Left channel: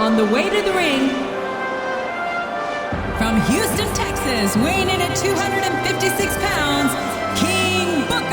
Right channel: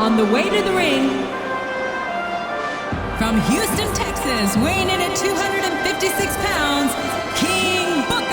On the way to the ring, from Houston, Texas, weighing in at 256 pounds, King Booker.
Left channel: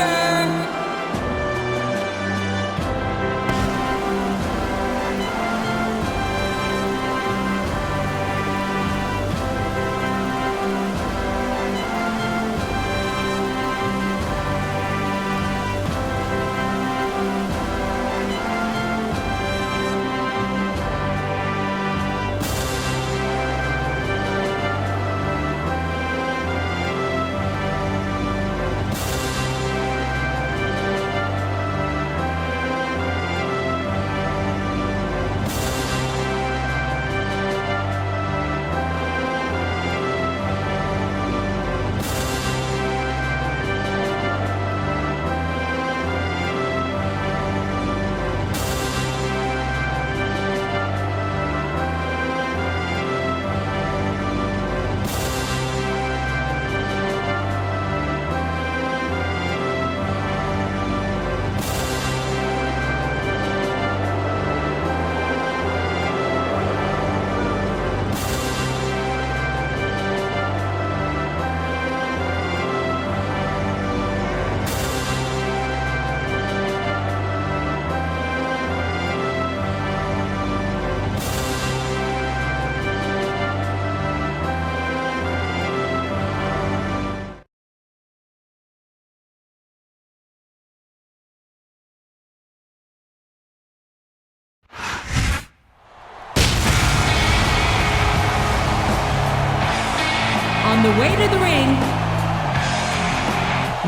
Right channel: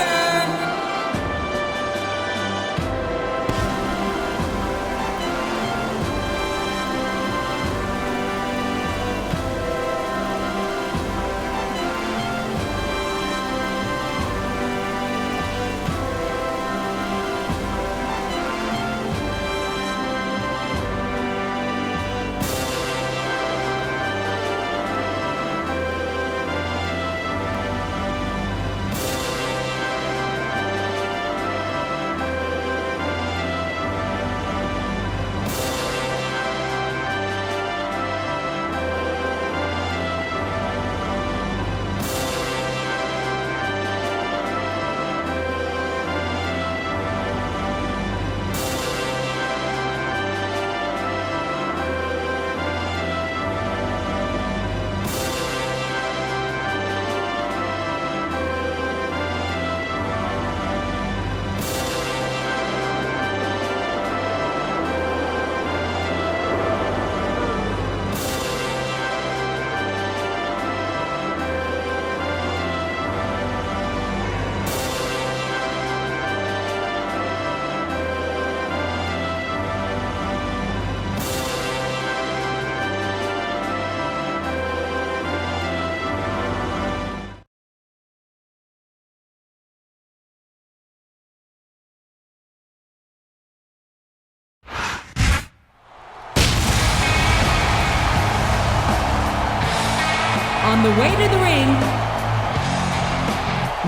On the way to the ring,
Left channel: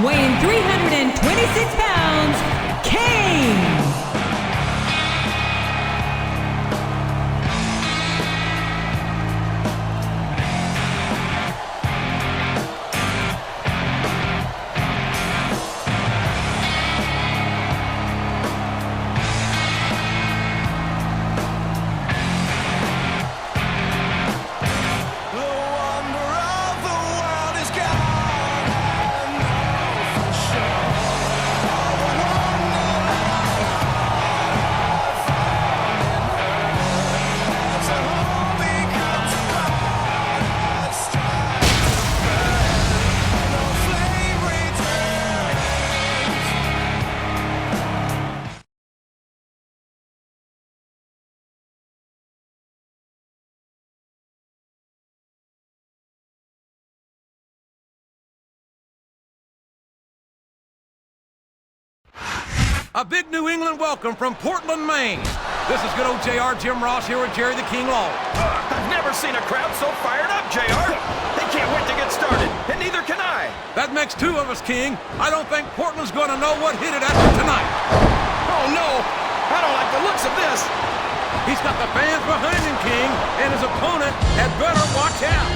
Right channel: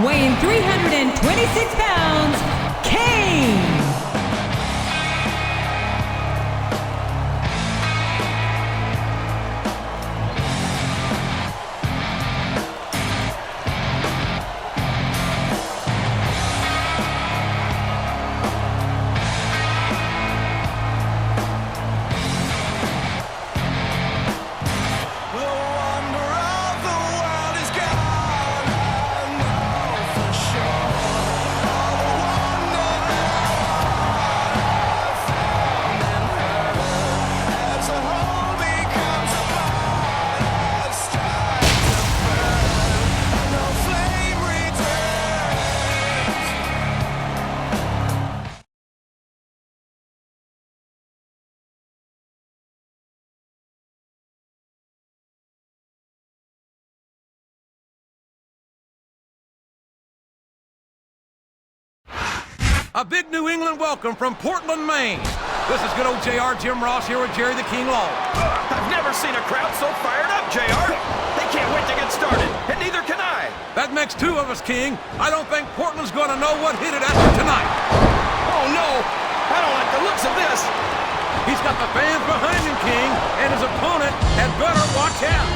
weighing 326 pounds, Kane. All the wonder that I A big New England welcome from Portland, Maine. This is good old JR Jim Ross here with Jerry the King Law. I've never seen a crowd so fired up, JR. They can't wait to get started, and neither can I. That makes two of us, King. I don't think Portland's going to know what hit it after tonight. Oh, no. I don't like the looks of this. He's got the fans behind him, King, and his opponent had better watch out.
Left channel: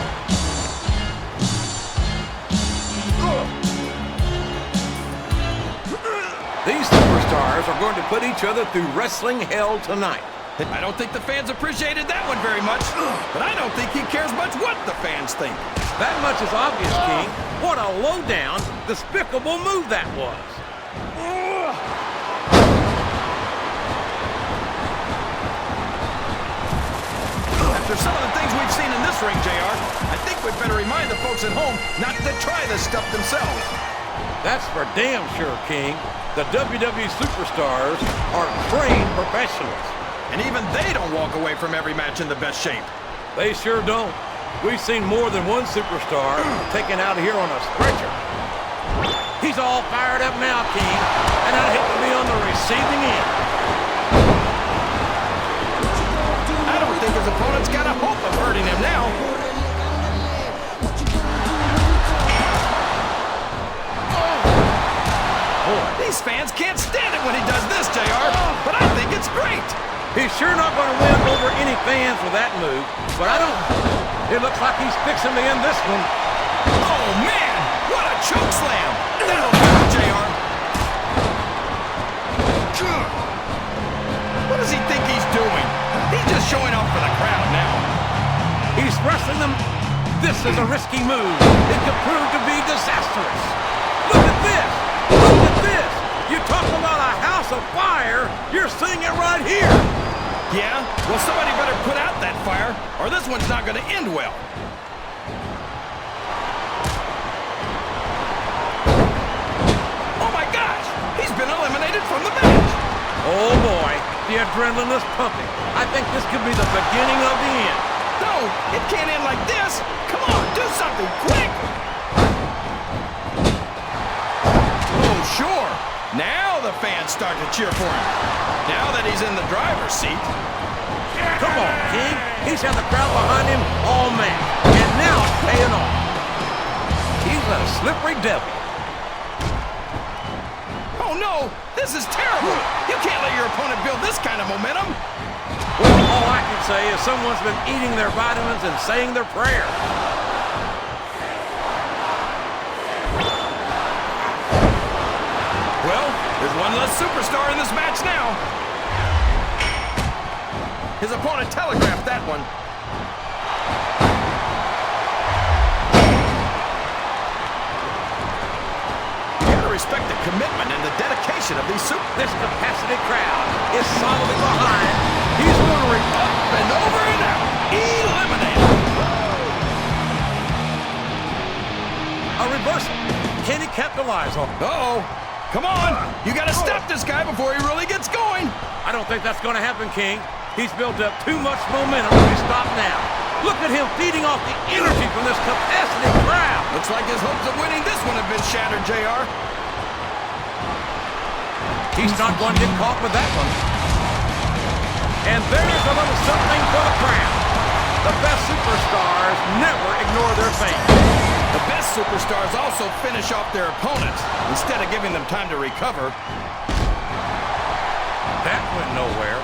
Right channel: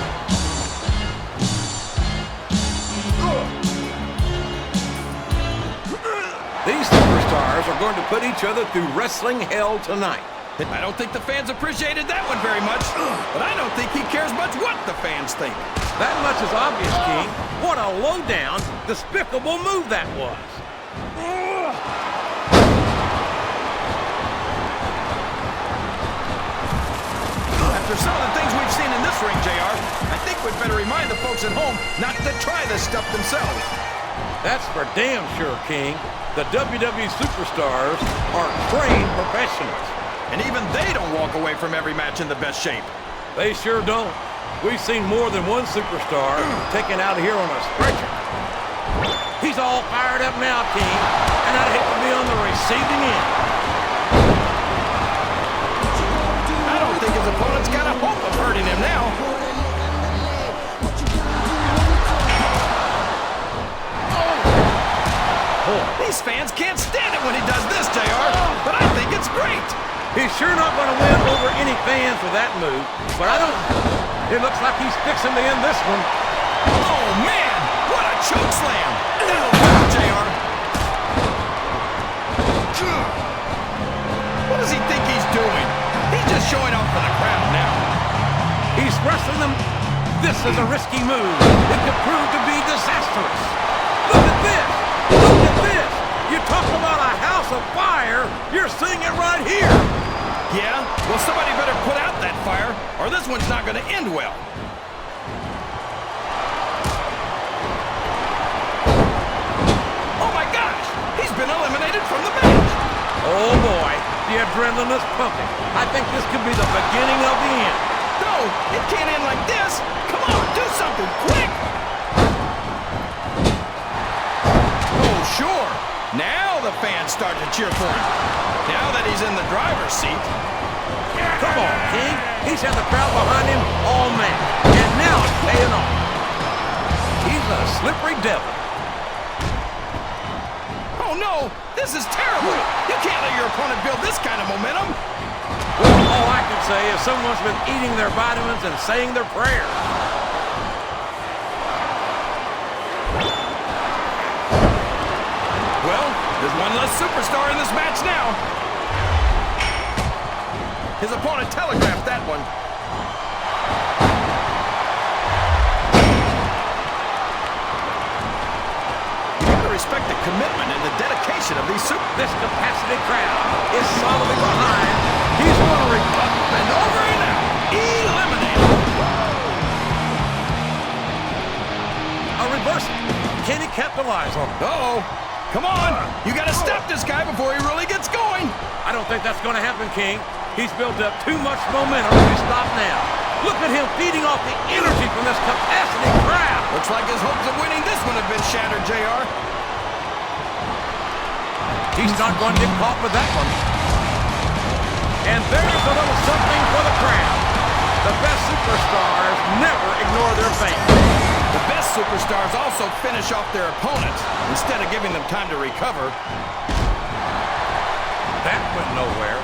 These superstars are going to put each other through wrestling hell tonight. I don't think the fans appreciated that one very much, but I don't think he cares much what the fans think. That much is obvious, King. What a low-down, despicable move that was. After some of the things we've seen in this ring, JR, I think we'd better remind the folks at home not to try this stuff themselves. That's for damn sure, King. The WWE superstars are trained professionals. And even they don't walk away from every match in the best shape. They sure don't. We've seen more than one superstar taken out of here on a stretcher. He's all fired up now, King, and I'd hate to be on the receiving end. I don't think his opponent's got a hope of hurting him now. Boy, these fans can't stand it when he does this, JR, but I think it's great. He's sure not going to win over any fans with that move, but I don't... It looks like he's fixing to end this one. Oh, man! What a choke slam! That'll do it, JR. What does he think he's doing? He's just showing off for the crowd now. He's wrestling them. This is a risky move. It could prove to be disastrous. Look at this! Look at this! You talk about a house of fire, you're seeing it right here! Yeah? Well, somebody better put out that fire, or this one's not going to end well. Oh my gosh! He's been eliminated from the match! Oh boy, the adrenaline is pumping. I think this could be the beginning of the end. No, it can't end like this! Come on, do something, quick! Oh, sure. Now the fans start to cheer for him. Now that he's in the driver's seat. Come on, King. He's had the crowd behind him all match, and now it's paying off. He's a slippery devil. Oh, no! This is terrible! You can't let your opponent build this kind of momentum! Well, all I can say is someone's been eating their vitamins and saying their prayers. Well, there's one less superstar in this match now. His opponent telegraphed that one. You gotta respect the commitment and the dedication of these This capacity crowd is solidly behind. He's going to up and over and out. Eliminated. a reversal. Can he capitalize on it? Uh-oh. Come on. You gotta stop this guy before he really gets going. I don't think that's going to happen, King. He's built up too much momentum to be stopped now. Look at him feeding off the energy from this capacity crowd. Looks like his hopes of winning this one have been shattered, JR. He's not going to get caught with that one. And there's a little something for the crowd. The best superstars never ignore their fans. The best superstars also finish off their opponents instead of giving them time to recover. That went nowhere.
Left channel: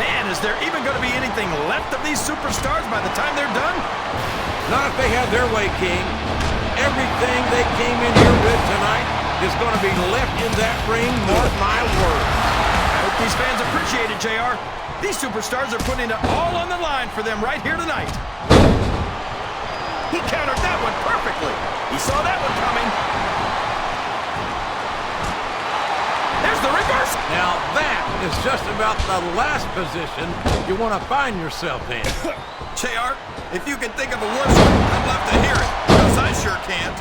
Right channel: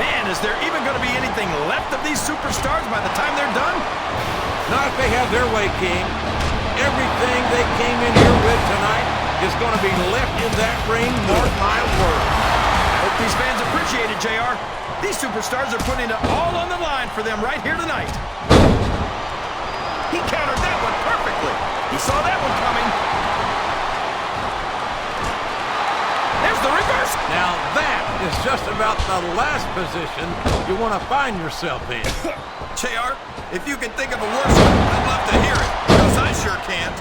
Man, is there even going to be anything left of these superstars by the time they're done? Not if they have their way, King. Everything they came in here with tonight is going to be left in that ring, mark my words. I hope these fans appreciate it, JR. These superstars are putting it all on the line for them right here tonight. He countered that one perfectly. He saw that one coming. There's the reverse. Now that is just about the last position you want to find yourself in. JR, if you can think of a worse one, I'd love to hear it, because I sure can't.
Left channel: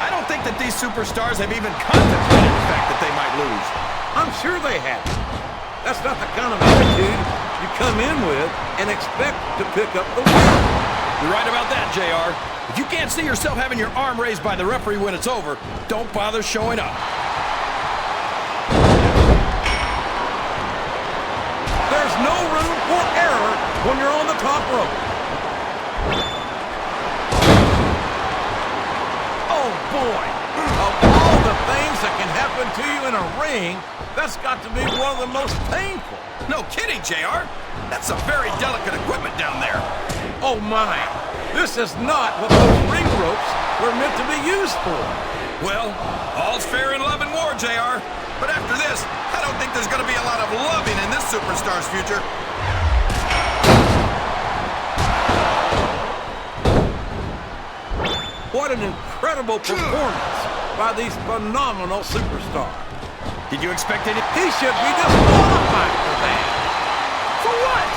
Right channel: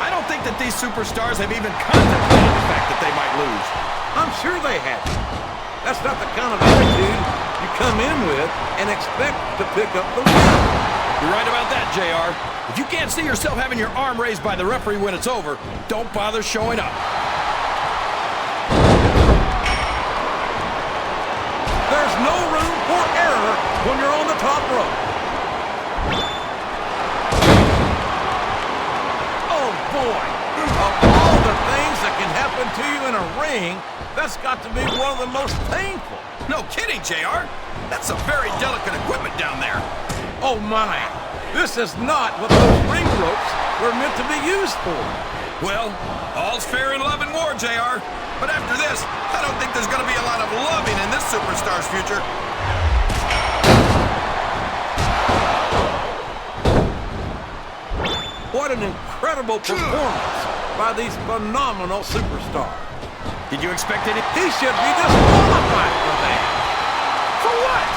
I don't think that these superstars have even contemplated the fact that they might lose. I'm sure they haven't. That's not the kind of attitude you come in with and expect to pick up the win. You're right about that, JR. If you can't see yourself having your arm raised by the referee when it's over, don't bother showing up. There's no room for error when you're on the top rope. Oh, boy. Of all the things that can happen to you in a ring, that's got to be one of the most painful. No kidding, JR. That's some very delicate equipment down there. Oh, my. This is not what those ring ropes were meant to be used for. Well, all's fair in love and war, JR. But after this, I don't think there's going to be a lot of loving in this superstar's future. What an incredible performance by these phenomenal superstars. Did you expect it? He should be disqualified for that. For what?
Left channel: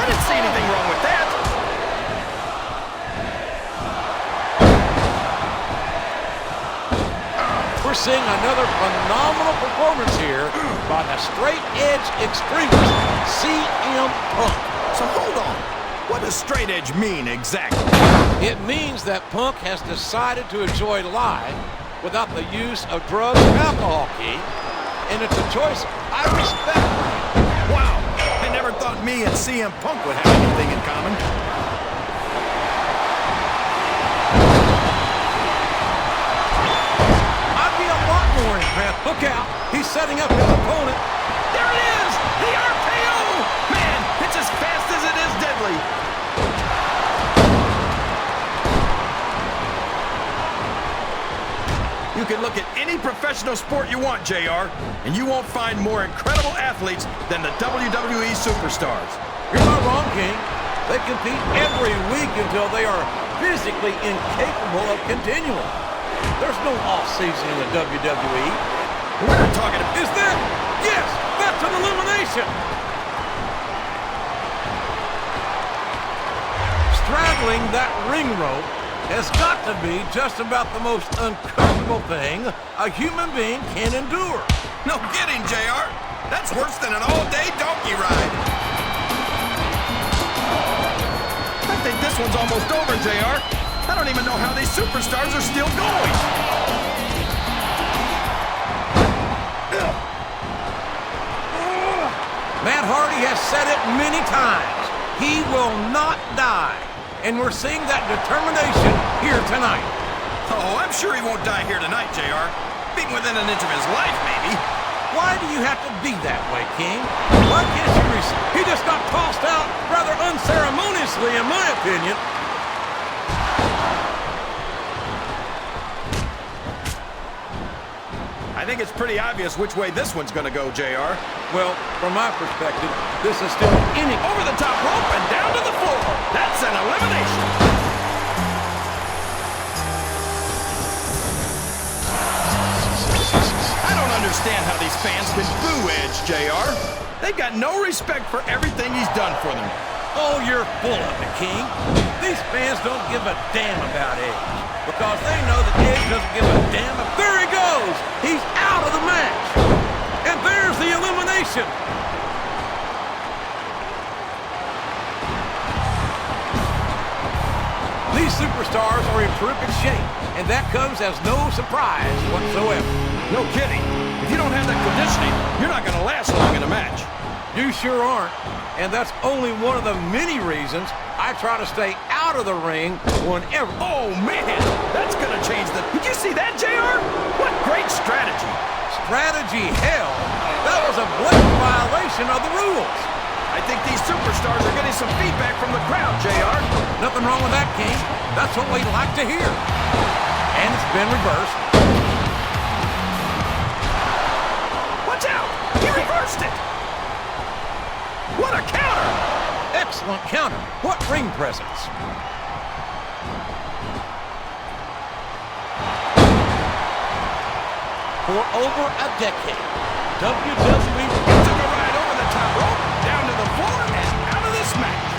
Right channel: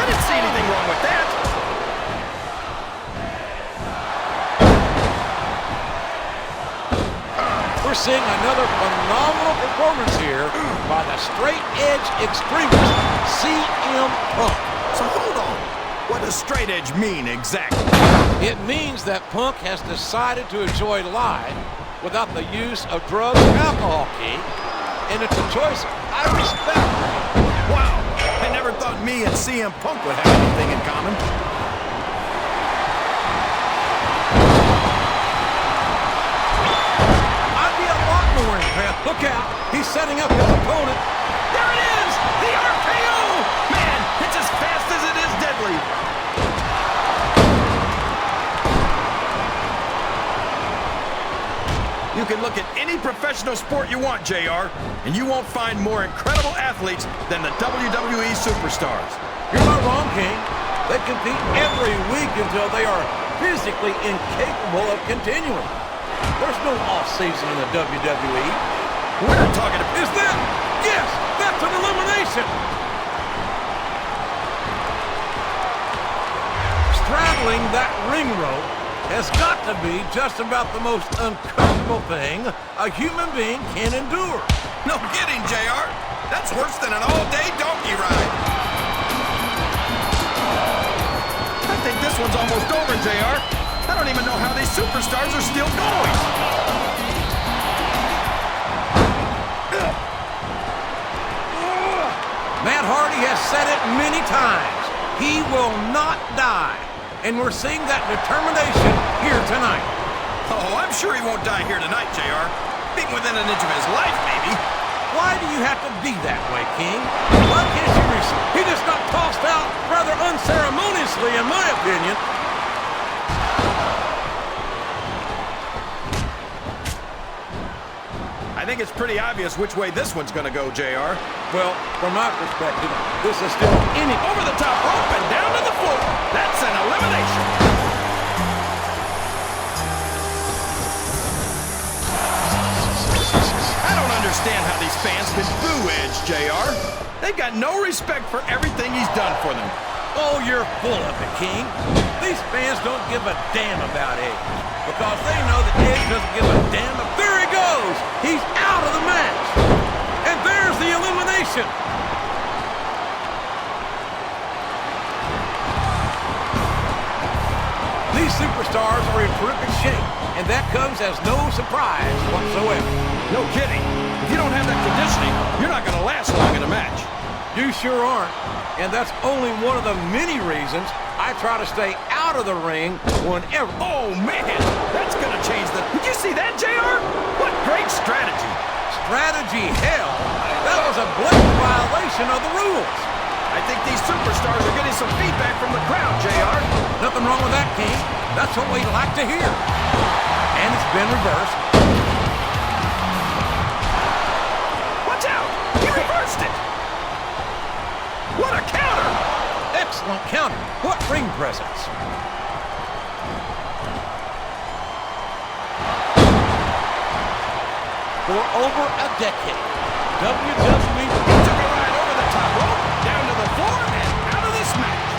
I didn't see anything wrong with that. We're seeing another phenomenal performance here by the straight-edge extremist, CM Punk. So hold on. What does straight edge mean exactly? It means that Punk has decided to enjoy life without the use of drugs or alcohol, King. And it's a choice I respect for him. Wow. I never thought me and CM Punk would have anything in common. More impressed. Look out. He's setting up his opponent. There it is! The RKO! Man, it's as fast as it is deadly. You can look at any professional sport you want, JR, and you won't find more incredible athletes than the WWE superstars. You're not wrong, King. They compete every week until they are physically incapable of continuing. There's no off-season in the WWE. We're not talking about... Is that? Yes, that's an elimination. Straddling that ring rope has got to be just about the most uncomfortable thing a human being can endure. No kidding, JR. That's worse than an all-day donkey ride. I think this one's almost over, JR. I don't even know how these superstars are still going. Matt Hardy has said it many times. He will not die. And we're seeing that determination here tonight. Oh, I'm sure he won't die here tonight, JR. Being within an inch of his life, maybe. Why do you have to be that way, King? Why can't you He just got tossed out rather unceremoniously, in my opinion. I think it's pretty obvious which way this one's gonna go, JR. Well, from my perspective, this is still any... Over the top rope and down to the floor. That's an elimination. I don't understand how these fans can boo Edge, JR. They've got no respect for everything he's done for them. Oh, you're full of it, King. These fans don't give a damn about Edge because they know that Edge doesn't give a damn. There he goes. He's out of the match. And there's the elimination. These superstars are in terrific shape, and that comes as no surprise whatsoever. No kidding. If you don't have that conditioning, you're not going to last long in a match. You sure aren't. And that's only one of the many reasons I try to stay out of the ring whenever... Oh, man! That's gonna change the... Did you see that, JR? What great strategy! Strategy, hell! That was a blatant violation of the rules. I think these superstars are getting some feedback from the crowd, JR. Nothing wrong with that, King. That's what we like to hear. And it's been reversed. Watch out! He reversed it! What a counter! Excellent counter. What ring presence. For over a decade, WWE took a ride over the top rope, down to the floor, and out of this match.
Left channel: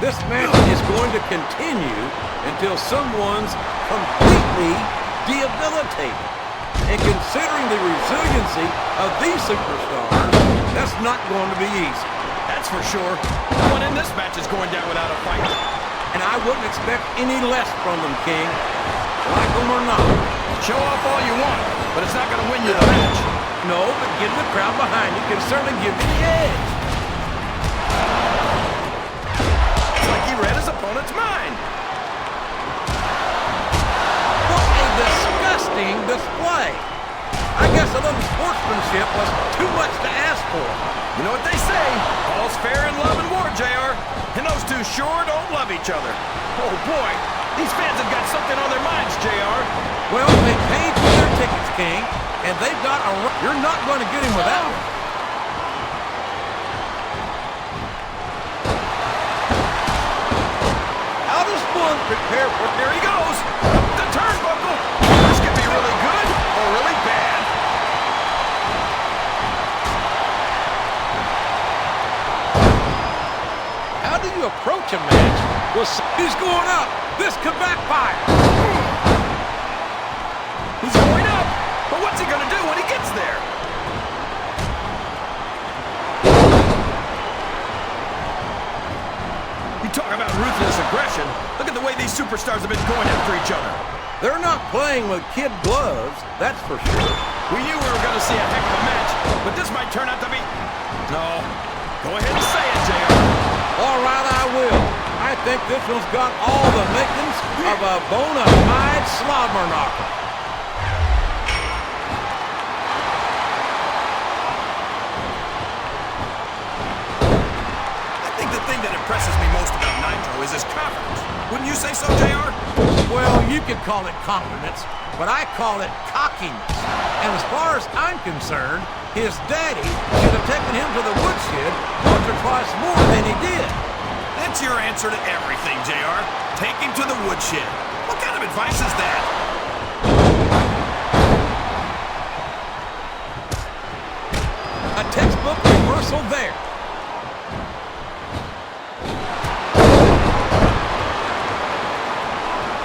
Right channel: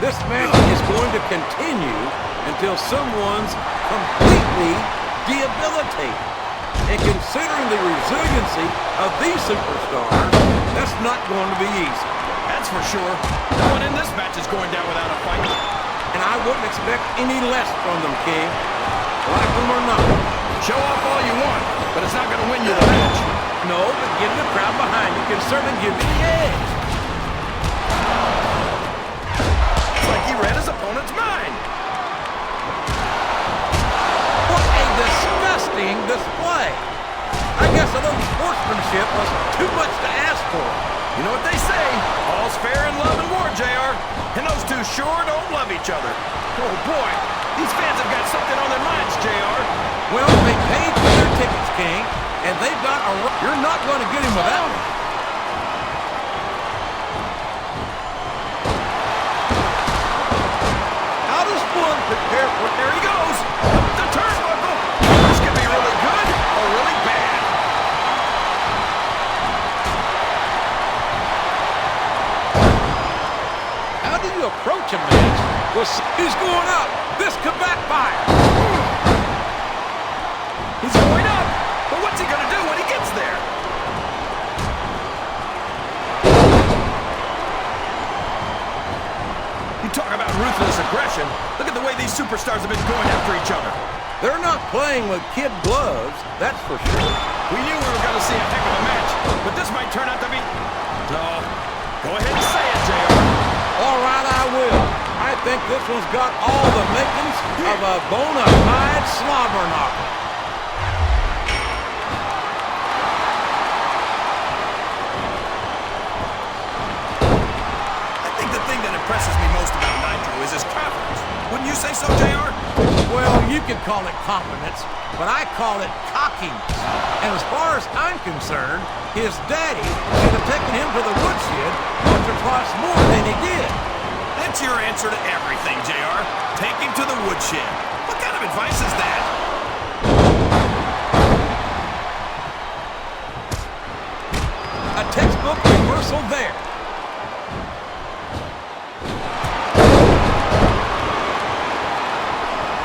This match is going to continue until someone's completely debilitated. And considering the resiliency of these superstars, that's not going to be easy. That's for sure. No one in this match is going down without a fight. And I wouldn't expect any less from them, King. Like them or not. Show off all you want, but it's not going to win you the match. No, but getting the crowd behind you can certainly give you the edge. It's like he read his opponent's mind. What a disgusting display. I guess a little sportsmanship was too much to ask for. You know what they say, all's fair in love and war, JR. And those two sure don't love each other. Oh boy, these fans have got something on their minds, JR. Well, they paid for their tickets, King, and they've got a right. You're not going to get him with that one. How does one prepare for... There he goes, up the turnbuckle. This could be really good or really bad. How do you approach a match? Well, he's going up. This could backfire. He's going up, but what's he going to do when he gets there? You talk about ruthless aggression. Look at the way these superstars have been going after each other. They're not playing with kid gloves, that's for sure. We knew we were going to see a heck of a match, but this might turn out to be... No. Go ahead and say it, JR. All right, I will. I think this one's got all the makings of a bona fide slobber knocker. I think the thing that impresses me most about Nitro is his confidence. Wouldn't you say so, JR? Well, you could call it confidence, but I call it cockiness. And as far as I'm concerned, his daddy should have taken him to the woodshed once or twice more than he did. That's your answer to everything, JR. Take him to the woodshed. What kind of advice is that? A textbook reversal there.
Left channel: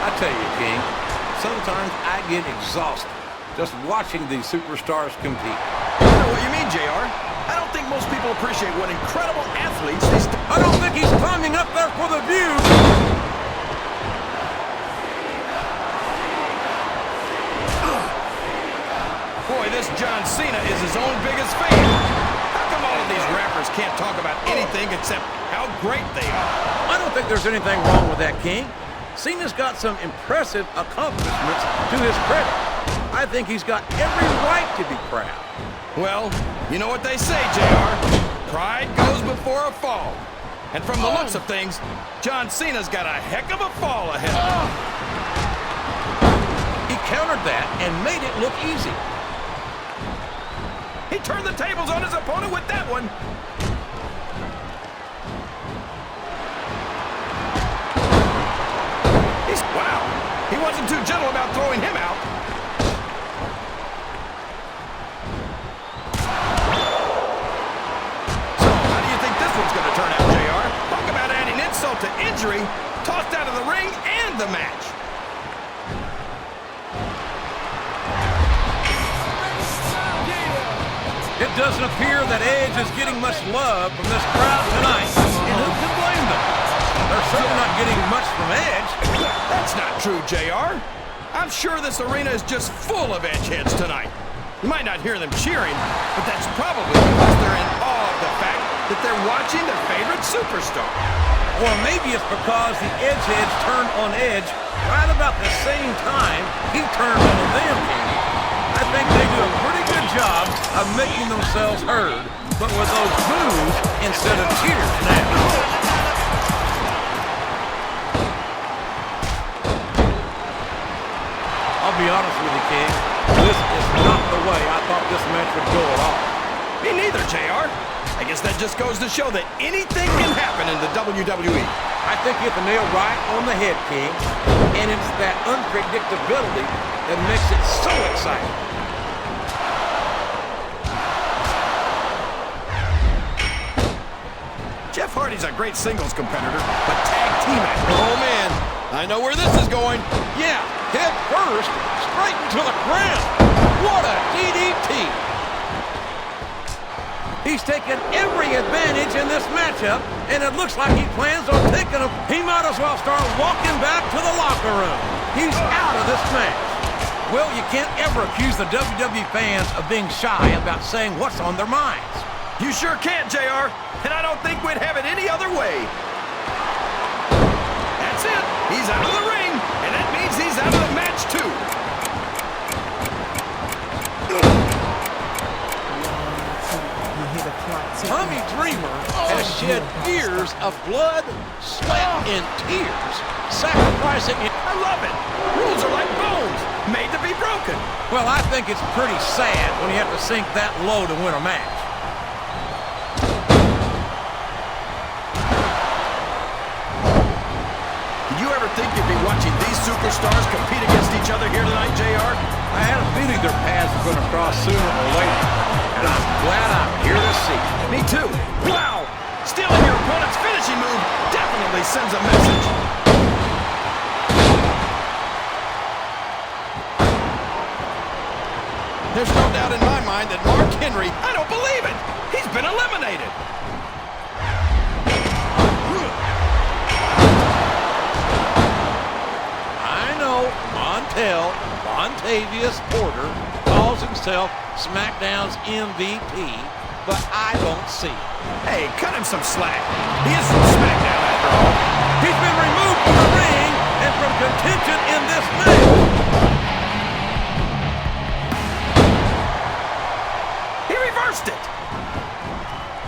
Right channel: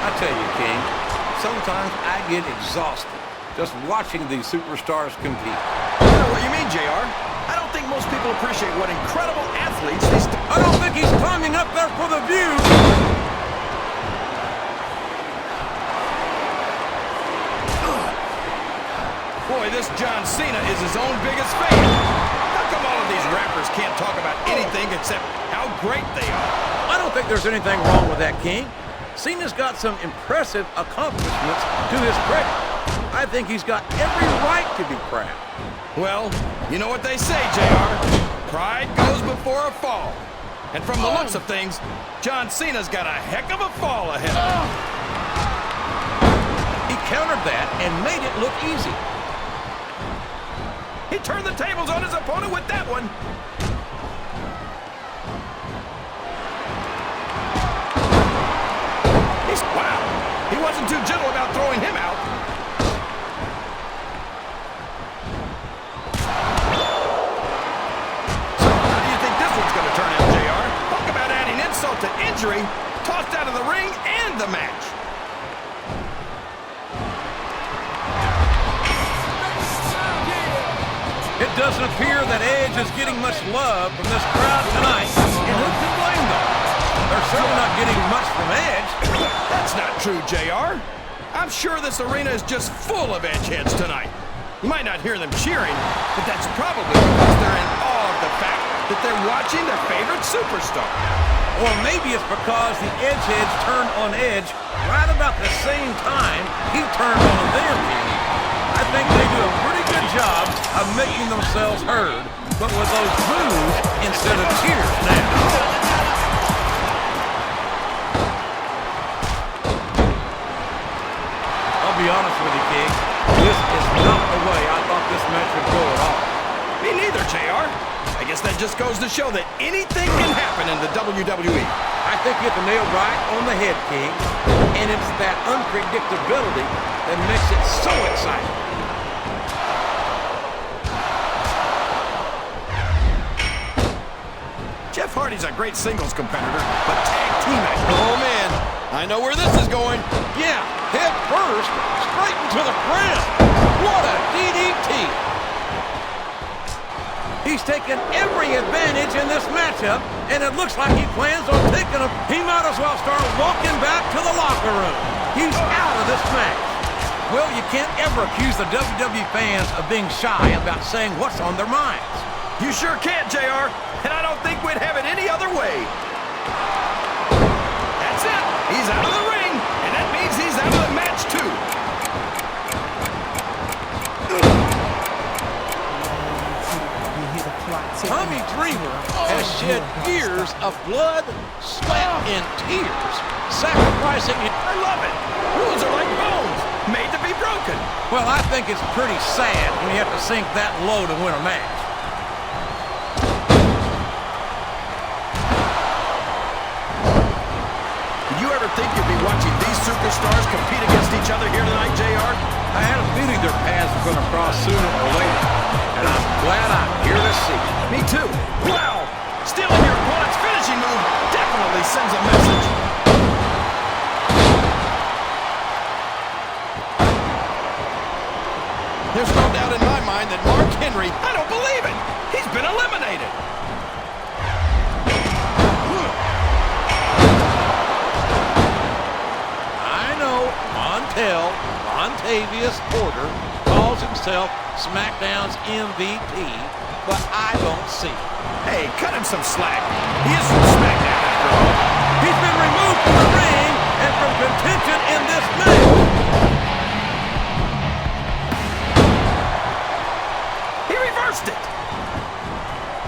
I tell you, King, sometimes I get exhausted just watching these superstars compete. I know what you mean, JR. I don't think most people appreciate what incredible athletes these... I don't think he's climbing up there for the view. Boy, this John Cena is his own biggest fan. How come all of these rappers can't talk about anything except how great they are? I don't think there's anything wrong with that, King. Cena's got some impressive accomplishments to his credit. I think he's got every right to be proud. Well, you know what they say, JR. Pride goes before a fall. And from the looks of things, John Cena's got a heck of a fall ahead of him. He countered that and made it look easy. He turned the tables on his opponent with that one. Wow, he wasn't too gentle about throwing him out. So, how do you think this one's going to turn out, JR? Talk about adding insult to injury, tossed out of the ring and the match. It doesn't appear that Edge is getting much love from this crowd tonight, and who can blame them? They're certainly not getting much from Edge. That's not true, JR. I'm sure this arena is just full of Edgeheads tonight. You might not hear them cheering, but that's probably because they're in awe of the fact that they're watching their favorite superstar. Or maybe it's because the Edgeheads turned on Edge right about the same time he turned on them, King. I think they do a pretty good job of making themselves heard, but with those boos instead of cheers now. I'll be honest with you, King. This is not the way I thought this match would go at all. Me neither, JR. I guess that just goes to show that anything can happen in the WWE. I think you hit the nail right on the head, King. And it's that unpredictability that makes it so exciting. Jeff Hardy's a great singles competitor, but tag team act. Oh, man. I know where this is going. Yeah, head first, straight into the ground. What a DDT! He's taken every advantage in this matchup, and it looks like he plans on taking them. He might as well start walking back to the locker room. He's out of this match. Well, you can't ever accuse the WWE fans of being shy about saying what's on their minds. You sure can't, JR, and I don't think we'd have it any other way. That's it. He's out of the ring, and that means he's out of the match, too. Tommy Dreamer has shed years of blood, sweat, and tears, sacrificing him. I love it. Rules are like bones, made to be broken. Well, I think it's pretty sad when you have to sink that low to win a match. Did you ever think you'd be watching these superstars compete against each other here tonight, JR? I had a feeling their paths were going to cross sooner or later, and I'm glad I'm here to see it. Me too. Wow! Stealing your opponent's finishing move definitely sends a message. There's no doubt in my mind that Mark Henry, I don't believe it! He's been eliminated! I know Montavious Porter calls himself Smackdown's MVP, but I don't see it. Hey, cut him some slack. He is from Smackdown after all. He's been removed from the ring and from contention in this match. He reversed it.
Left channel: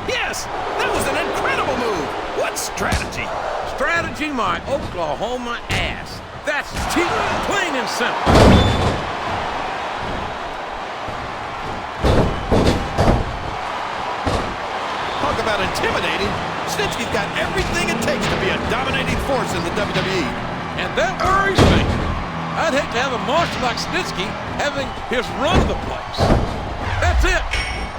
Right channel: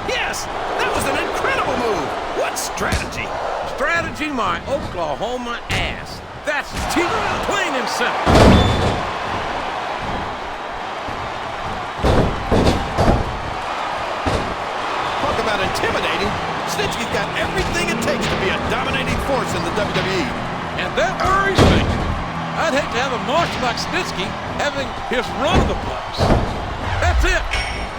Yes, that was an incredible move. What strategy? Strategy, my Oklahoma ass. That's cheap, plain and simple. Talk about intimidating. Snitsky's got everything it takes to be a dominating force in the WWE. And that worries me. I'd hate to have a monster like Snitsky having his run of the place. That's it.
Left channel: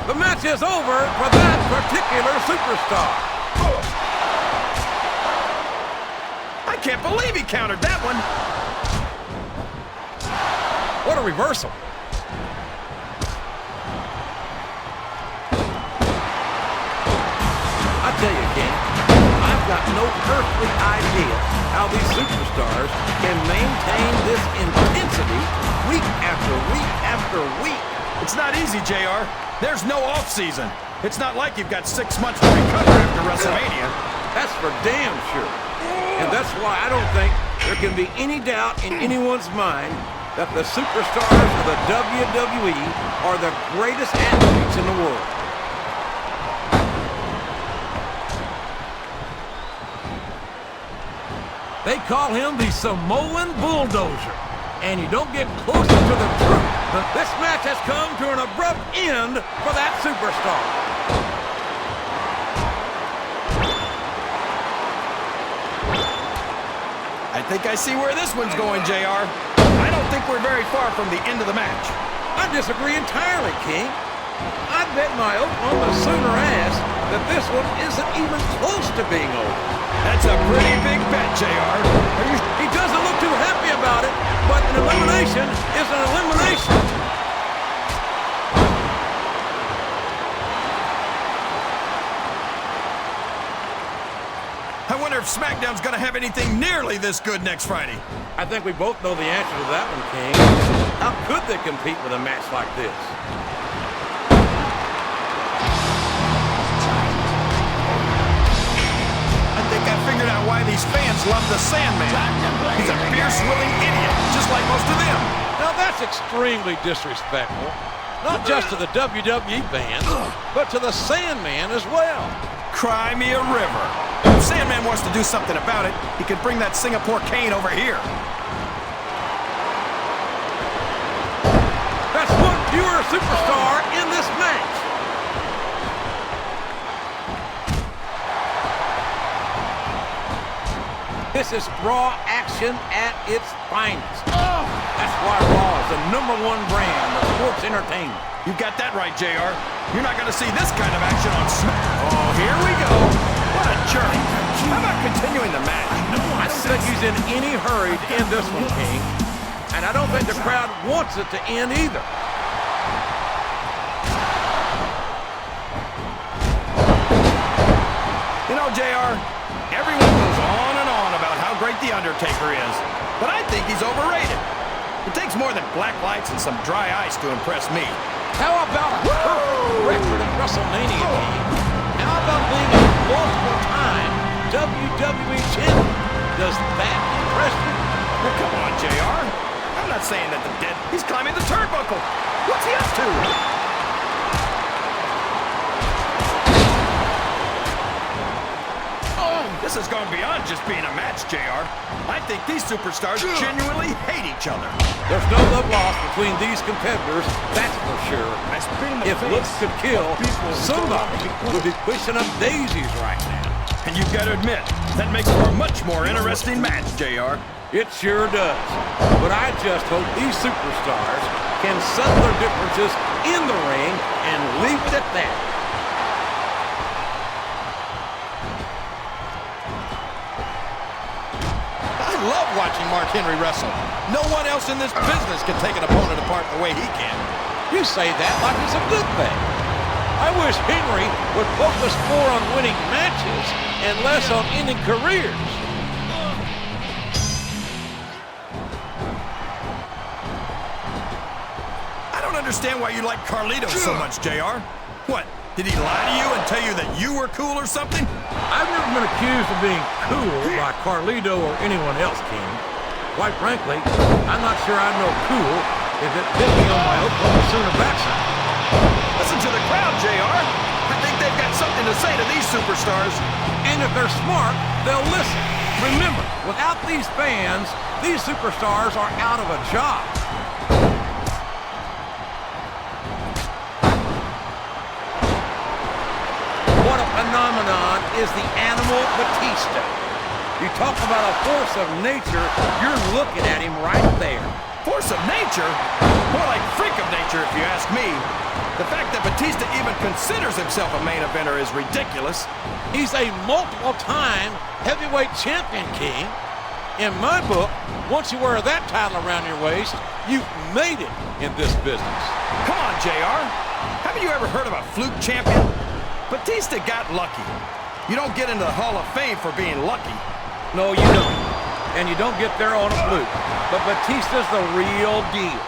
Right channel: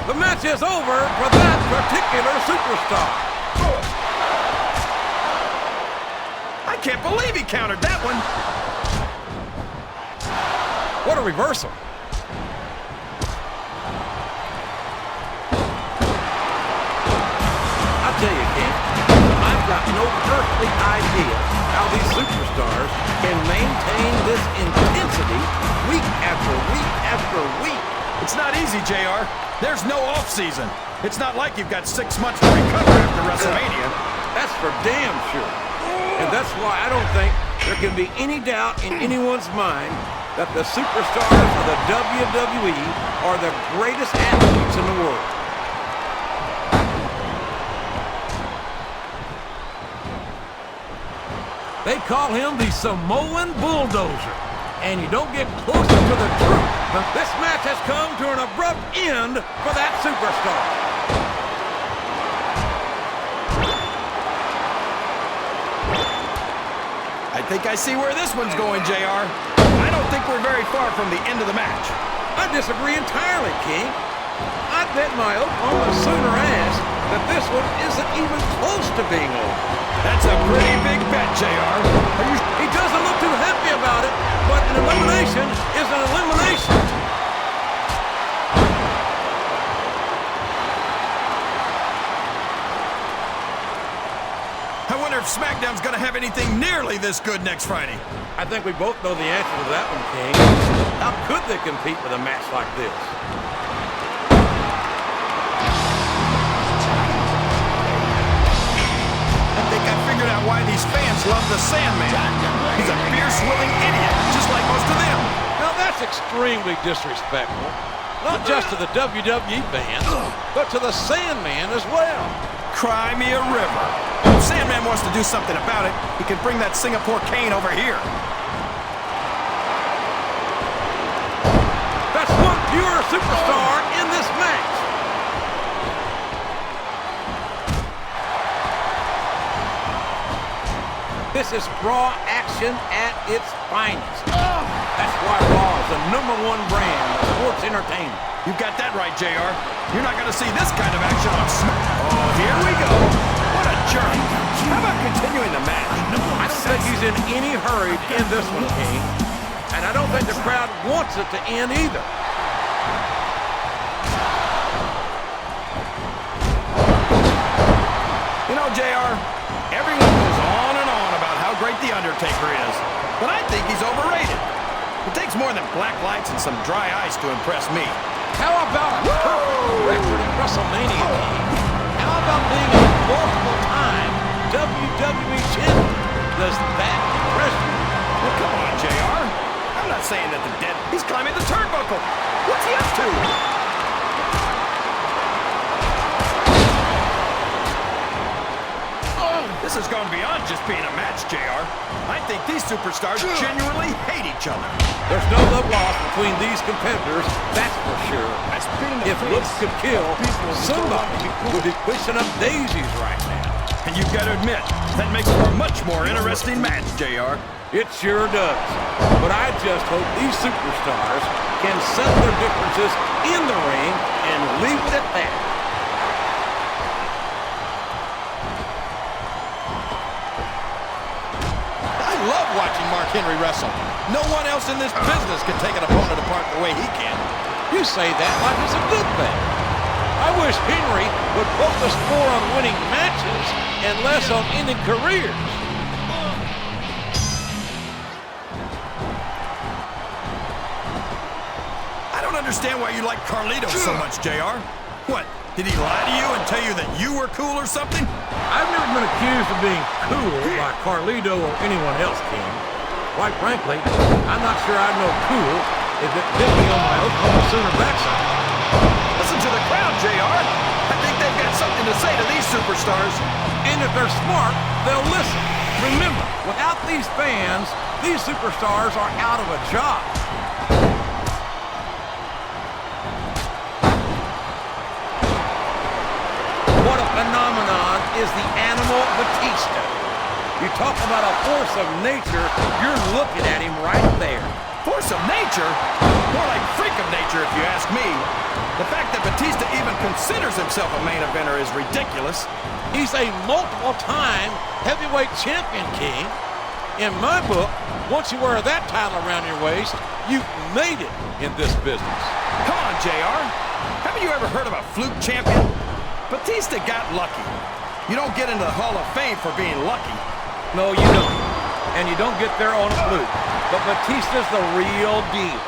The match is over for that particular superstar. I can't believe he countered that one. What a reversal. I tell you, King, I've got no earthly idea how these superstars can maintain this intensity week after week after week. It's not easy, JR. There's no off-season. It's not like you've got 6 months to recover after WrestleMania. That's for damn sure. And that's why I don't think there can be any doubt in anyone's mind that the superstars of the WWE are the greatest athletes in the world. They call him the Samoan Bulldozer. And you don't get closer to the truth. But this match has come to an abrupt end for that superstar. I think I see where this one's going, JR. I don't think we're very far from the end of the match. I disagree entirely, King. I'd bet my Oklahoma Sooner ass that this one isn't even close to being over. That's a pretty big bet, JR. He doesn't look too happy about it, but an elimination is an elimination. I wonder if SmackDown's gonna have anything nearly this good next Friday. I think we both know the answer to that one, King. How could they compete with a match like this? I think I figured out why these fans love the Sandman. He's a fierce, willing idiot, just like most of them. Now that's extremely disrespectful. Not just to the WWE fans, but to the Sandman as well. Cry me a river. If Sandman wants to do something about it, he can bring that Singapore cane over here. That's one fewer superstar in this match. This is Raw action at its finest. That's why Raw is the #1 brand of sports entertainment. You got that right, JR. You're not going to see this kind of action on Smack. Oh, here we go. What a jerk. How about continuing the match? I don't think he's in any hurry to end this one, King. And I don't think the crowd wants it to end either. know, JR, everyone goes on and on about how great The Undertaker is, but I think he's overrated. It takes more than black lights and some dry ice to impress me. How about a perfect record at WrestleMania, King? How about being a multiple-time WWE champion? Does that impress you? Now, come on, JR. I'm not saying that the dead... He's climbing the turnbuckle. What's he up to? This has gone beyond just being a match, JR. I think these superstars genuinely hate each other. There's no love lost between these competitors, that's for sure. If looks could kill, somebody would be pushing up daisies right now. And you've got to admit, that makes for a much more interesting match, JR. It sure does. But I just hope these superstars can settle their differences in the ring and leave it at that. I love watching Mark Henry wrestle. No one else in this business can take an opponent apart the way he can. You say that like it's a good thing. I wish Henry would focus more on winning matches and less on ending careers. I don't understand why you like Carlito so much, JR. What, did he lie to you and tell you that you were cool or something? I've never been accused of being cool by Carlito or anyone else, King. Quite frankly, I'm not sure I'd know cool if it bit me on my Oklahoma Sooner backside. Listen to the crowd, JR. I think they've got something to say to these superstars. And if they're smart, they'll listen. Remember, without these fans, these superstars are out of a job. What a phenomenon is the Animal Batista. You talk about a force of nature, you're looking at him right there. Force of nature? More like freak of nature, if you ask me. The fact that Batista even considers himself a main eventer is ridiculous. He's a multiple-time heavyweight champion, King. In my book, once you wear that title around your waist, you've made it in this business. Come on, JR. Haven't you ever heard of a fluke champion? Batista got lucky. You don't get into the Hall of Fame for being lucky. No, you don't. And you don't get there on a fluke. But Batista's the real deal.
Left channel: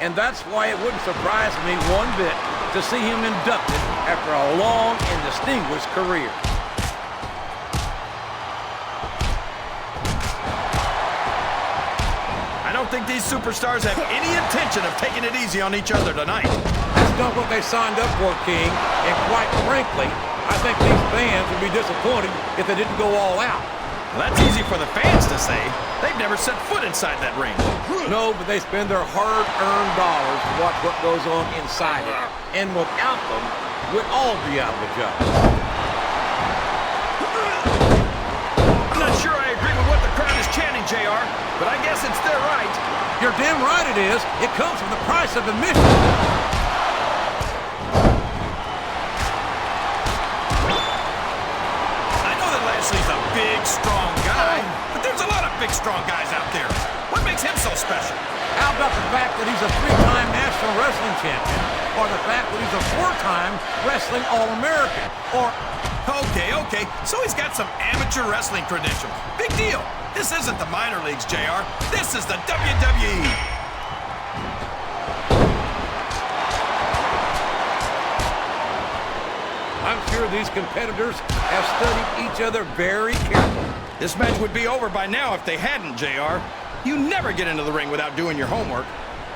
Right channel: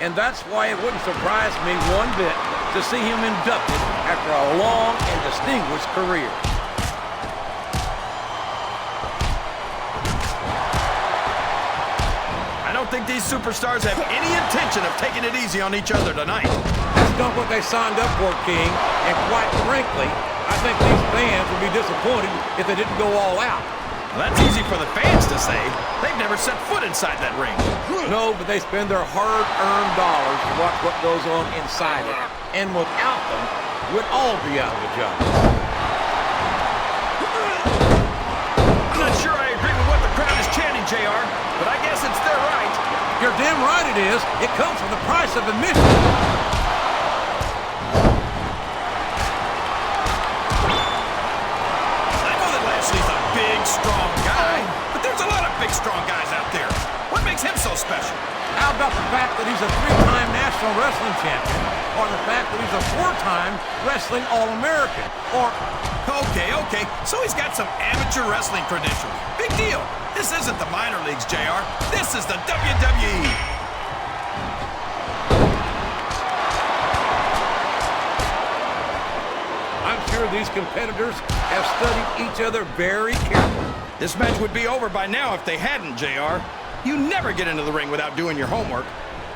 And that's why it wouldn't surprise me one bit to see him inducted after a long and distinguished career. I don't think these superstars have any intention of taking it easy on each other tonight. That's not what they signed up for, King. And quite frankly, I think these fans would be disappointed if they didn't go all out. Well, that's easy for the fans to say. They've never set foot inside that ring. No, but they spend their hard-earned dollars to watch what goes on inside it. And without them, we'd all be out of a job. I'm not sure I agree with what the crowd is chanting, JR, but I guess it's their right. You're damn right it is. It comes with the price of admission. Lashley's a big, strong guy, but there's a lot of big, strong guys out there. What makes him so special? How about the fact that he's a 3-time National Wrestling Champion, or the fact that he's a 4-time Wrestling All-American, or... Okay, so he's got some amateur wrestling credentials. Big deal. This isn't the minor leagues, JR. This is the WWE. I'm sure these competitors have studied each other very carefully. This match would be over by now if they hadn't, JR. You never get into the ring without doing your homework.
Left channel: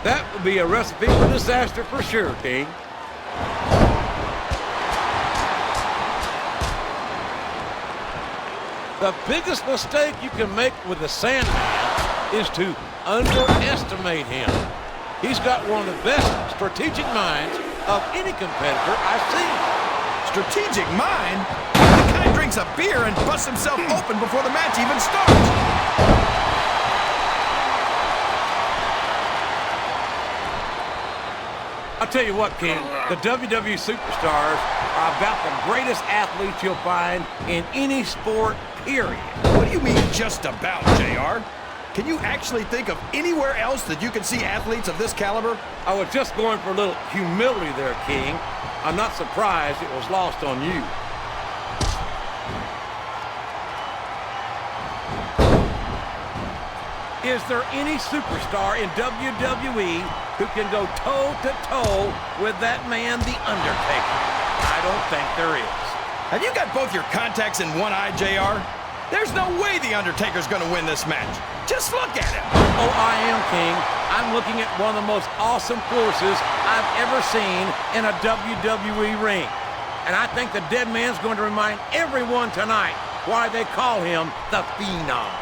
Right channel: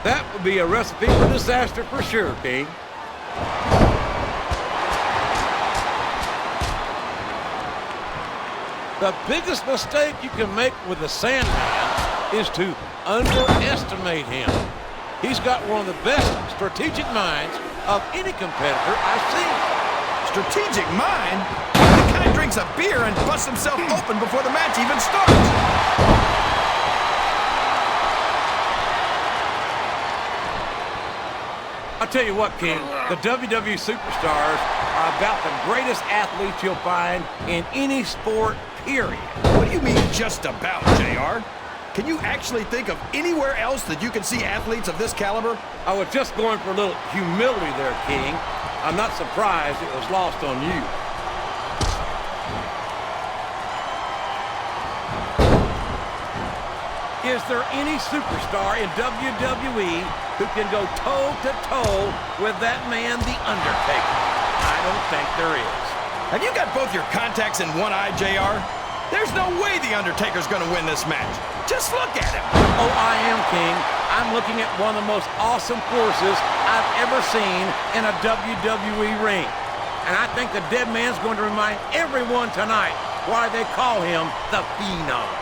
That would be a recipe for disaster for sure, King. The biggest mistake you can make with the Sandman is to underestimate him. He's got one of the best strategic minds of any competitor I've seen. Strategic mind? The guy drinks a beer and busts himself open before the match even starts. I'll tell you what, King, the WWE superstars are about the greatest athletes you'll find in any sport, period. What do you mean, just about, JR? Can you actually think of anywhere else that you can see athletes of this caliber? I was just going for a little humility there, King. I'm not surprised it was lost on you. Is there any superstar in WWE who can go toe-to-toe with that man, The Undertaker? I don't think there is. Have you got both your contacts in one eye, JR? There's no way The Undertaker's gonna win this match. Just look at him. Oh, I am, King. I'm looking at one of the most awesome forces I've ever seen in a WWE ring. And I think the dead man's going to remind everyone tonight why they call him the Phenom.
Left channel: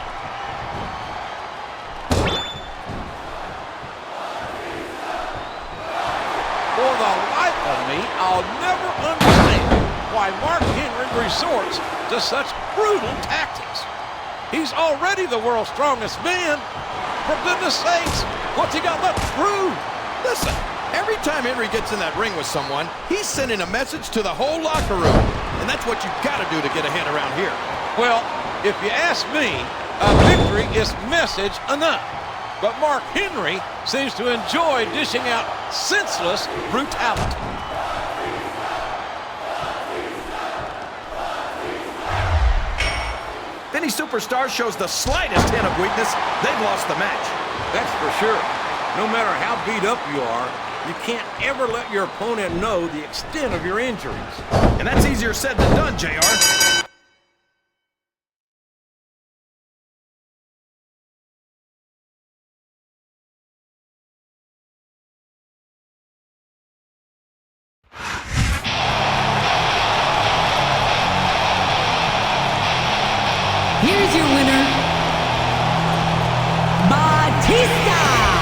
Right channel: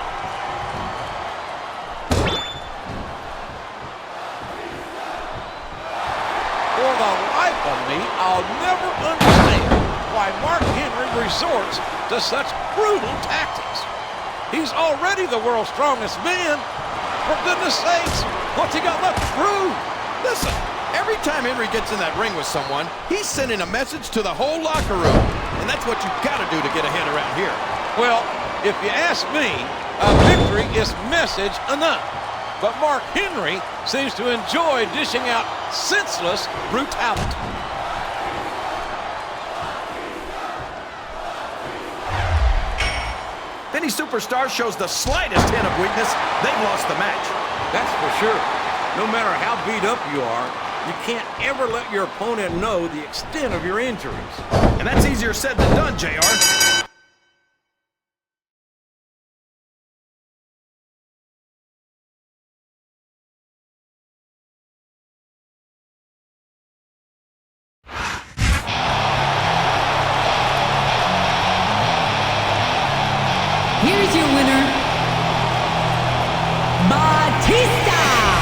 For the life of me, I'll never understand why Mark Henry resorts to such brutal tactics. He's already the world's strongest man. For goodness sakes, what's he got left to prove? Listen, every time Henry gets in that ring with someone, he's sending a message to the whole locker room. And that's what you gotta do to get ahead around here. Well, if you ask me, a victory is message enough. But Mark Henry seems to enjoy dishing out senseless brutality. If any superstar shows the slightest hint of weakness, they've lost the match. That's for sure. No matter how beat up you are, you can't ever let your opponent know the extent of your injuries. And that's easier said than done, JR. Here's your winner, Batista.